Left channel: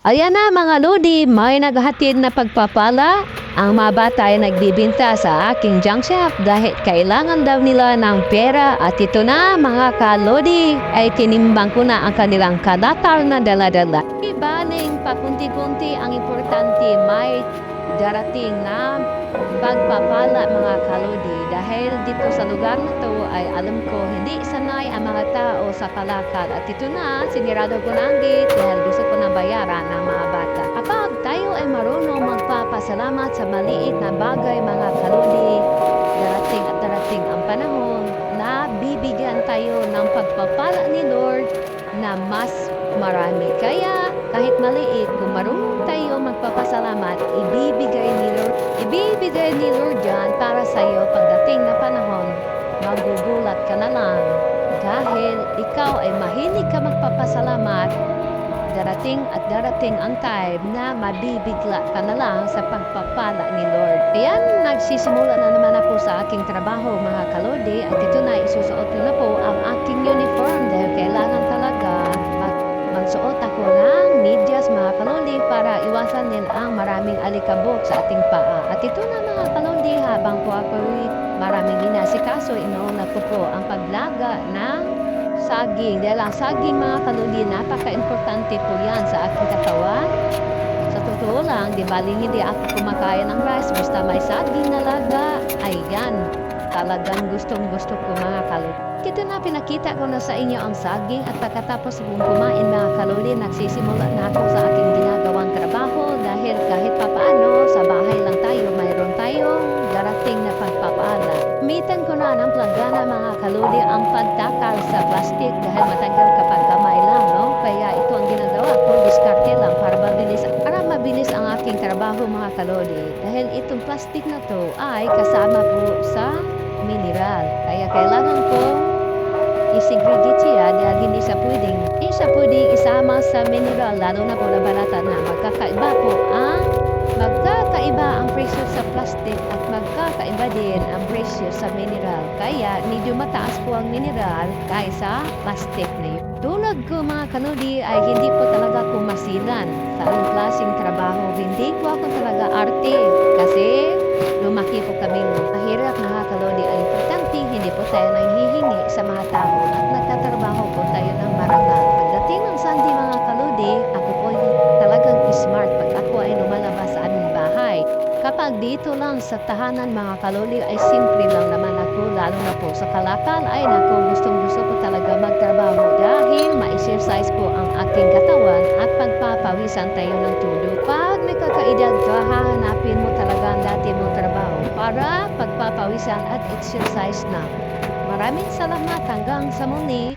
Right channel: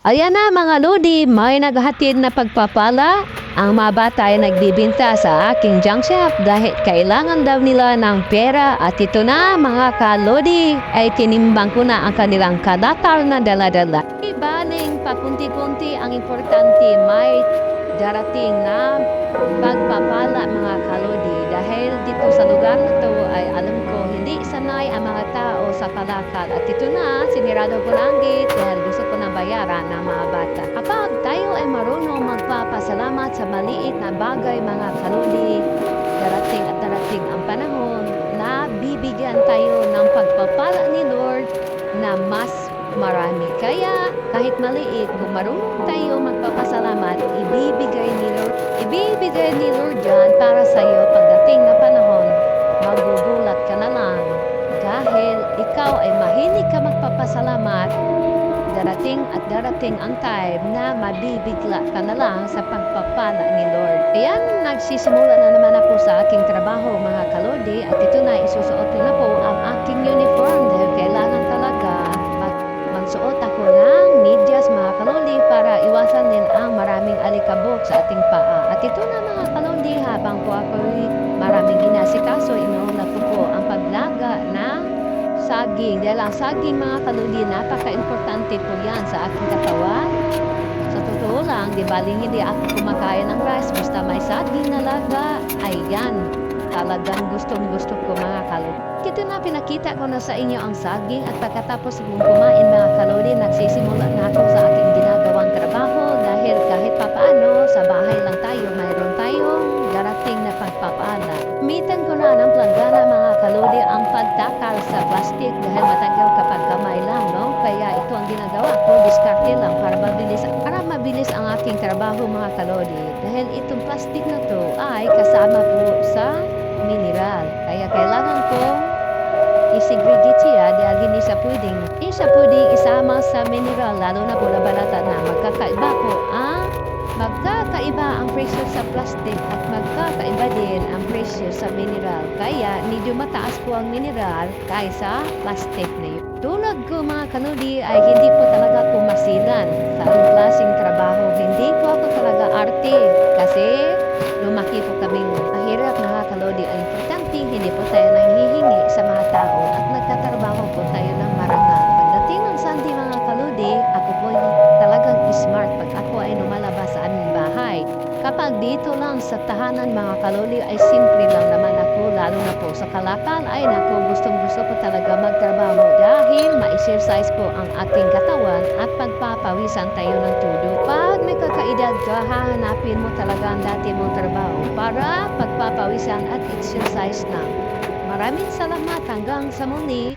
Ayan na mga Lodi, may naghatid na pagpapala. Ang mga bata ay nagbibinta sa aking junk shop dahil kailangan daw nila ng pera at ito na mga kalodi ay tinimbang ko na ang kanilang kadatar na dala-dala. Ibaling papunti-punti ang importante may darating na pagpapala mga kalodi dahil dito sa lugar na to ay alam ko hindi sanay ang mga tao sa palakad at ito na sinirado ko na ang gate dahil gusto ko na bayaran ng mga bata. Kapag tayo ay marunong magpapasalamat sa maliit na bagay mga kalodi, darating at darating ang panahon na bibigyan tayo ng pagpapala ni Lord na mas marami. Kaya kahit maliit, kung marunong tayo magpapasalamat, ibibigay ni Lord, ibibigay ni Lord yan para sa iyo pagdating na panahon, magugulat ka na lang. Dahil ikaw ay mahilig ka magpapasalamat, darating at darating ang time na mabibigla ka na lang sa pagpapala ni Lord. Ayan, nagsisimula na naman ako sa aking trabaho mga kalodi at ito na isusuot na po ang aking uniform dahil kailangan talaga mag magsuot ako ng medyas mga kalodi para iwasan din ang maraming alikabok sa ating paa. At ito na mga kalodi habang po ako maraming ginasikaso, inuuna ko po ang paglaga ng saging. Dahil ang saging mga kaluli, napaka-importante po yan sa aking katawan. Sa totoo lang, di baling hindi ako kumakain ng rice, basta may saging na laga, ayan, talagang gustong gusto ko mga kaluli. Ito na pinakita ko na sa inyo ang saging at pagkatapos kong kumain mga kaluli, nagsisimula na ako sa aking ginagawang trabaho dahil kahit papaano sa bahay lang tayo, mayroon tayong darating na pagpapala. Mitan ko na ng planggana mga kaludi ang pagtakal sa plastic dahil matagal kapag kamay lang, no? Kaya ito ang ginagawa ko, diskarte lang para mabilis, para mabilis ang aking trabaho mga kaludi. Dahil itong plastic na to ay kasama po sa mineral. Kaya kailangan kong i-segregate siya dahil hindi siya pwedeng, hindi siya isama sa mineral lalo na po na balata na magkakaiba po ang magkakaiba ang presyo sa plastic at magkakaiba din ang presyo sa mineral. Kaya medyo mataas po ang mineral kaysa plastic na yun. Tulad ko mga kanudi ay hindi po talaga ko masilan sa anong klaseng trabaho. Hindi po ako talaga arte kasi lumaki po kaming mahirap na kalodi ang importante. Hindi po tayo nanghihingi sa mga tao at nagtatrabaho ay lumalabas sa aming bahay. Kapag dito lang sa tahanan mga kaloli ay simple lang naman ako lalo na po sa kalakal ay nako gustong gusto ko talaga magtrabaho dahil ma-exercise po ang aking katawan at pagpapawisan tayo ng tulo. Pag may kakaedad ka, hahanapin mo talaga ang dati mong trabaho para pagpapawisan at exercise na. Maraming salamat hanggang sa muli.